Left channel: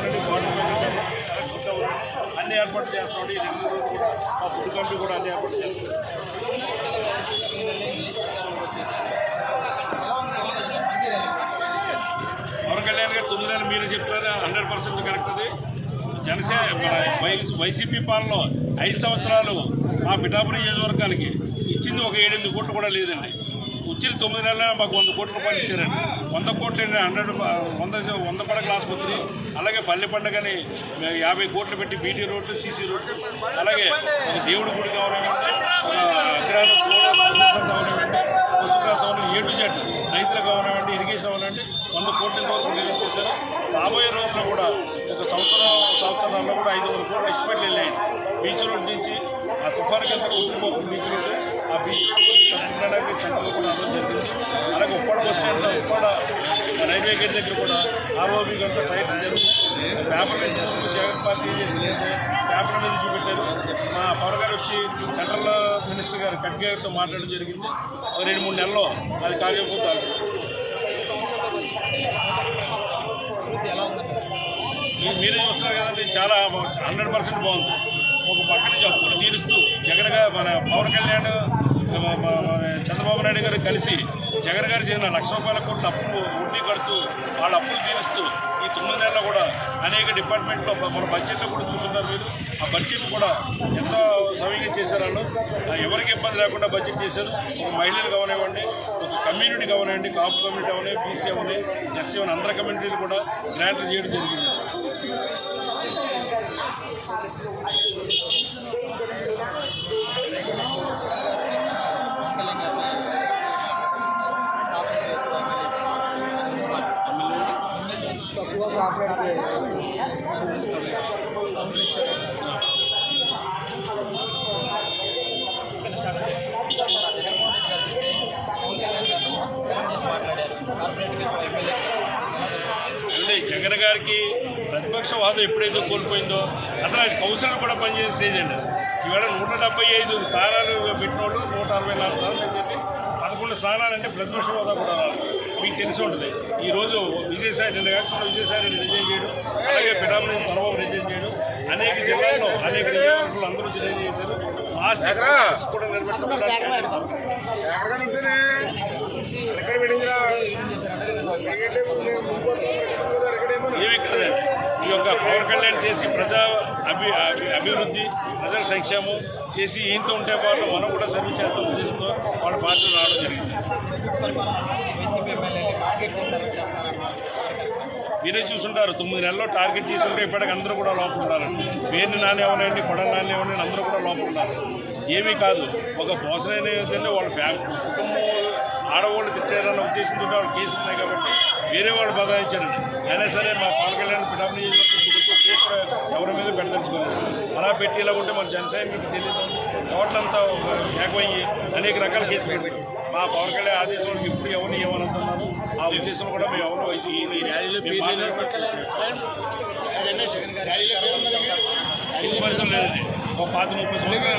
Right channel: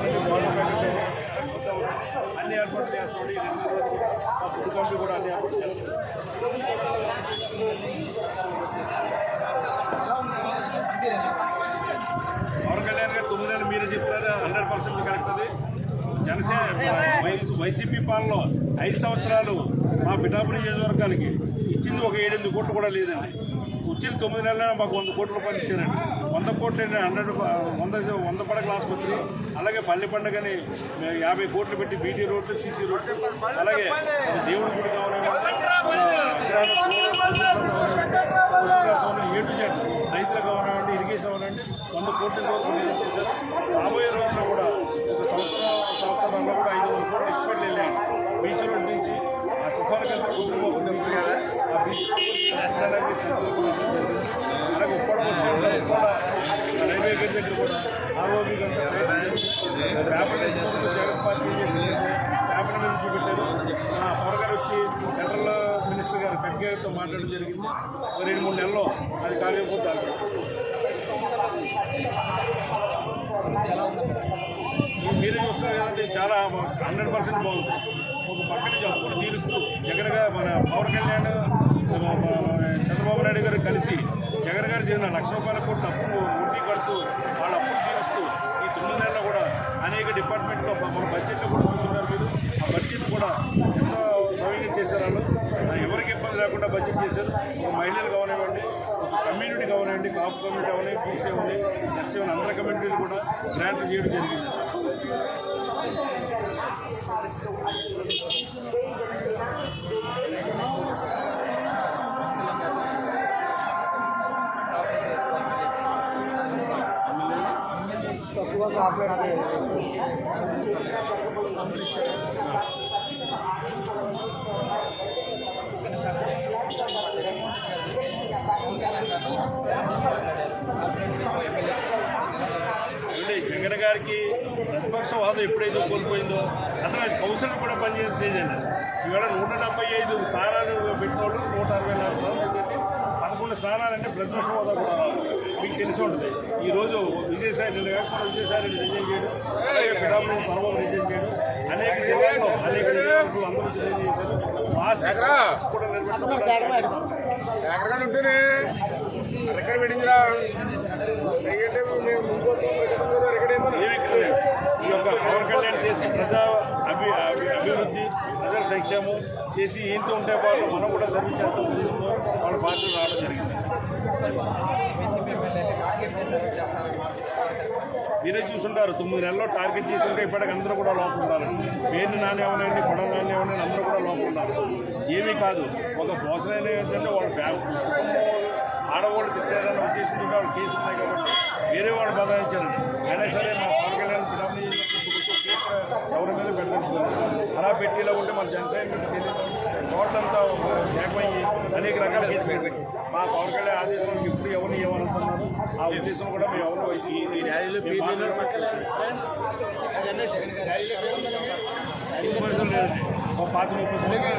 అవనండి water packet అన్ని ఏర్పాట్లు చేస్తామండి. ఈ రెండు రోజులు కూడా మా ఫుడ్ కంపెనీ కూడా అన్ని ఏర్పాట్లు చేస్తాం పవన్ కళ్యాణ్ గారు తొమ్మిది నెలలు మీరే చెప్పారు. హండ్రెడ్ పర్సెంట్ కరెక్ట్ అది. జనసేన వైసీపీ పాలనలో ఐదు సంవత్సరాలు మా పిఠాపురం నియోజకవర్గానికి ఇచ్చింది ఒక ఏడెనిమిది కోట్లు కూడా లేదండి. వచ్చిన తొమ్మిది నెలల మాకు వంద కోట్ల రూపాయలు ఇచ్చారండి. వంద కోట్లు ఏంటి హండ్రెడ్ వంద వంద పడకల ఆసుపత్రి అలాగే పల్లె పండుగని యాభై కోట్లు పెట్టి బీటీ రోడ్డు సీసీ రోడ్డు అలాగే ఒక దేవుడి గుడి కావాలంటే ఒక అగ్రహార కావాలంటే పశుగ్రాసం అవనివ్వండి ఏ టు జెడ్ రైతులకు ఇరిగేషన్ అవనివ్వండి వంద కోట్ల వరకు రిలీజ్ చేశారు. రాబోయే రోజుల్లో కూడా ఒక సంవత్సరం సంవత్సరాల్లో కూడా ఐదు వందల కోట్లు ఎస్టిమేట్లు వెళ్ళాయండి బీచ్ రోడ్ నుంచి ఆ తుఫాన్కి అంతా కుటుంబం బీచ్ రోడ్ ఆ బీచ్ రోడ్ చంద్రనగర్ సెంటర్ జరిగింది. అలాగే Uppada bus stand Uppada railway gate దగ్గర కూడా ఆర్ఓబి గంట ట్రైన్ జరుగుతుంది పేపర్ మీద ముందు జగన్ పార్టీ చేసిందంటే పేపర్ మీద చూపెట్టారు. మా పవర్ గారు వచ్చి సెంట్రల్ మినిస్టర్ గారు ఖడ్గే మాట్లాడడం జరిగింది. రెండు మూడు నెలల్లో అది కార్యపోతే ఆల్సింది మీరే చూస్తున్నారు కదండి చాలా హండ్రెడ్ పర్సెంట్ బాగుంది. ఒక పక్క నుంచి అప్పులు తీరుస్తూ జగన్గా మన పవన్ కళ్యాణ్ చంద్రబాబు నాయుడు గారు కలిసి జగన్ గారు చేసిన లక్ష రూపాయల కోట్ల అప్పులు వడ్డీ కడుతూ వాళ్ళ అప్పులు తీరుస్తూ ఈ తొమ్మిది నెలల్లో కూడా అనేక డిపార్ట్మెంట్లో మన బడ్జెట్లో కూడా చూస్తున్నారు మీరు. ఆ బడ్జెట్ కూడా ఎంత సవ్యంగా చేశారు వాళ్ళు? ఎవరికి ఇబ్బంది లేకుండా బడ్జెట్ చేశారు? ఒక మహిళలు కావనివ్వండి ఒక కమ్యూనిటీ కావనివ్వండి కాపు కమ్యూనిటీ అవని బీసీ అవని ఎస్సీ అవని అందరి కమ్యూనిటీలు కూడా గ్రాంట్లు చేయడం జరిగింది. తక్కువ జగన్ గారికి ప్రతిపక్ష హోదా ఎప్పుడైతే కోల్పోయిందో అసలు అది కౌన్సిలర్ కూడా పనిచేసే స్టేజ్ అండి ఇవాళ ఈవేళ నూట డెబ్బై ఐదు స్థానాలు పెట్టిన వాళ్ళు నూట అరవై నాలుగు స్థానాలు అని చెప్పి పదకొండు స్థానాలు అంటే ప్రతిపక్ష హోదా కూడా రావాలి మీకు తెలిసి ఉంటుంది. ఈరోజు విజయసాయి రెడ్డి కాకుండా విజయసాయి రెడ్డి రిజైన్ చేయడం. అలాగే పిఠాపురం నుంచి చంద్రబాబు రిజైన్ చేయడం. అనేక జిల్లాల్లో అనేక నియోజకవర్గాలు అందరూ రిజైన్ చేశారు. లాస్ట్ కూడా పెట్టిందిరా ఏమీ ఈ యొక్క పవన్ కళ్యాణ్ చేసి ప్రజా అభి అభి- అభివృద్ధి ప్రజల సంక్షేమం చేసి ఈయనతో ఉంటే పాటు మనం కూడా సర్వీస్ చేస్తాం ఉద్దేశంతో వాళ్ళ పార్టీలు రావడం జరిగింది. మీరే చూసుంటారు తొమ్మిది నెలల్లో టార్గెట్ తీసుకుంటే ఇప్పటికి అందరూ కూడా లోపల ఉండాలండి పేరుని నాన్న అవనండి కొడల నాన్న అవనండి అందరూ కూడా లోపల ఉండాలి. ఏమీ కాదు ఒక భోజనం ఏంటంటే వాళ్ళ ఫ్యామిలీ కుటుంబం ఆడవాళ్ళు తిట్టారన్న ఉద్దేశంతో వాళ్ళు కేసు ఉన్నాయి కాబట్టి వేరే వాళ్ళు బదాయించారండి అయినా సరే మా పవన్ కళ్యాణ్ కూడా ఎవరి మీద పెడదలుచుకోలేదు. అలా పెట్టి ఇలా ఉంటే మన జనసేన మీకు తెలియదు. టోటలంతా ఒక ఏకమయ్యి అనేక రకాల కేసులు పెట్టి మా పవన్ కళ్యాణ్ ఆదేశంలో ఇప్పుడు ఎవరిని ఏమనుతున్నారు ఆ ఉద్దేశంలో కూడా మేము ఎవరిని వయసు పరిస్థితులు లేదండి ఒక పాత ముప్పై సంవత్సరాలు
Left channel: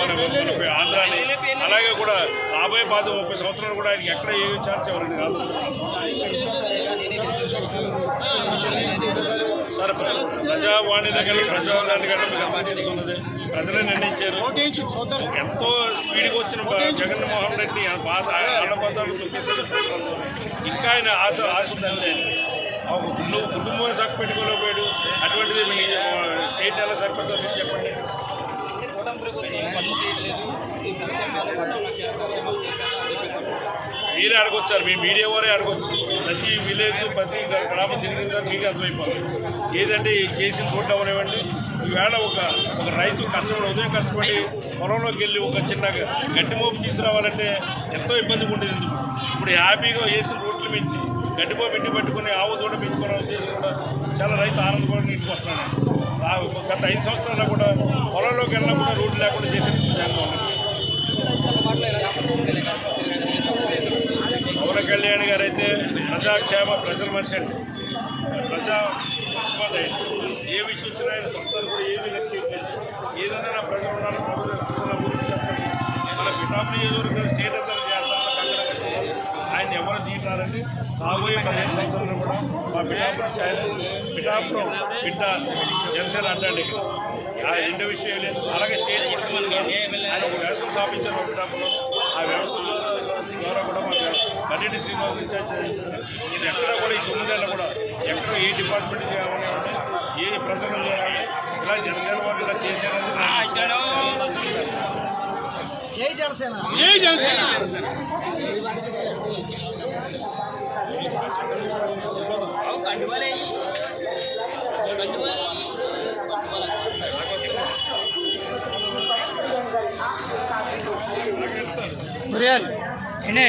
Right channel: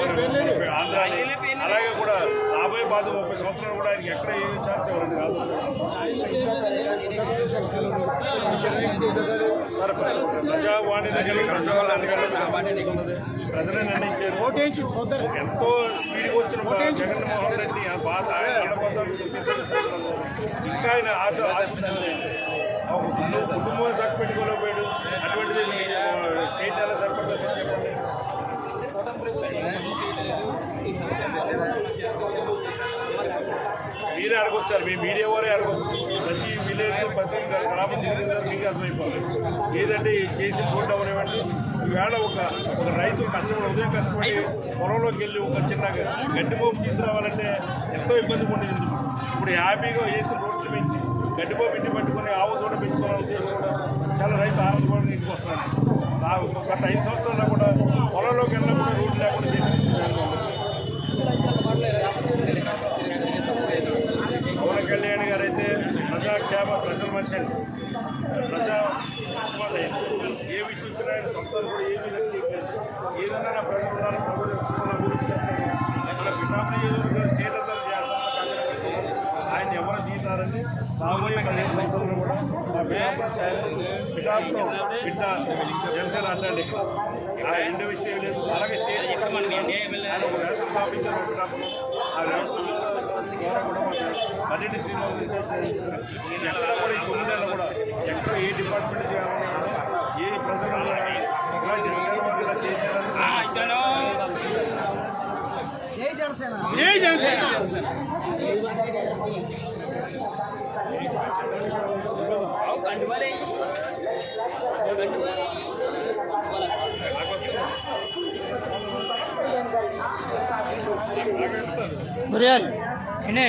మన మన ఆంధ్రాని అలాగే కూడా రాబోయే పాత ముప్పై సంవత్సరాలు కూడా ఆయనకి ఎక్కడ ఏమి ఛాన్స్ ఇవ్వరండి కాదు. సార్ ప్రజావాణిలోకి వెళ్ళి ప్రజాదానికి వెళ్ళి మీకు అందరికీ తెలిసి ఉన్నది. ప్రజలే నిర్ణయించారు. ఎంతో స్పీడ్గా వచ్చిన జగన్మోహన్ రెడ్డి బాధ ఆళ్ళ పదాలు తొక్కేసేది ప్రజలందరూ ఇంకా ఆయన ఆశ ఆశ ఉందండి ఒక నువ్వు కుటుంబాన్ని సక్క పెట్టుకోలేకపోయాడు అటువంటిది స్టేట్ ఎలా సరిపడుతుంది మీరే అడగొచ్చారు మీ మీడియా వారే అడగొచ్చు ప్రతి విలేజ్ ప్రతి గ్రామం తిరిగిన తర్వాత మీకు అర్థమైపోతుంది ఏదంటే చేసిన రోడ్డు అవనివ్వండి ఈవేళ ఒక ఒక రైతు కష్టపడి ఉదయం కష్టపడి పొలంలోకి వెళ్ళి ఒక చిన్న గడ్డి మోపు తీసుకురావాలంటే ఎంతో ఇబ్బంది ఉండేది ఎందుకు? ఇప్పుడు హ్యాపీగా వేసిన రోడ్లు పెంచి గడ్డి మోపు ఇంటి పట్టుకుని ఆవు దూడ పెంచుకునే ఉద్దేశం కూడా చాలా రైతు ఆనందపడి ఇంటికి వస్తున్నాడు గత ఐదు సంవత్సరాల్లో కూడా పొలంలోకి వెళ్ళినా కూడా రోడ్లు లేకుండా చేసిన జగన్మోహన్ పవన్ కళ్యాణ్ గారు అయితే ప్రజాక్షేమ ప్రజల మనిషి అండి. ప్రజా ఏ విషయం వచ్చినా ఆయన సొంతాలు కూడా ఏమి లక్ష్యం ఏదైనా ప్రజలు ఉండాలి ప్రజలు ప్రజల అభివృద్ధి చేస్తాను మన పిఠాపు నియోజకవర్గం స్టేటస్ అంతా ఎవరు తీయటారండి రాబోయే పదిహేను సంవత్సరాలు కూడా మా పిఠాపురం పిఠాపురం బిడ్డ జనసేన అంటండి ఇక్కడ. ఆ రెండో విషయం లేదు. అలాగే స్టేజ్ కొడుకులు ఆయన ఒక వ్యవస్థ స్థాపించారు మా పిఠాపురం. ఆ వ్యవస్థ ద్వారా కూడా మా బడ్జెట్ శ్రీనివాస్ ఇన్ఛార్జ్ చేయించారు ఎక్కడ కూడా ఈ తొమ్మిదేళ్ళ కూడా ఎక్కడ ఏ డిపార్ట్మెంట్ చేయాలనేవండి ఏ ప్రజలు చేయాలని ఇలా జనసేన వారు ఇలా చేశారని చేసేదని జై జనసేన. మురియాలు ఎన్నే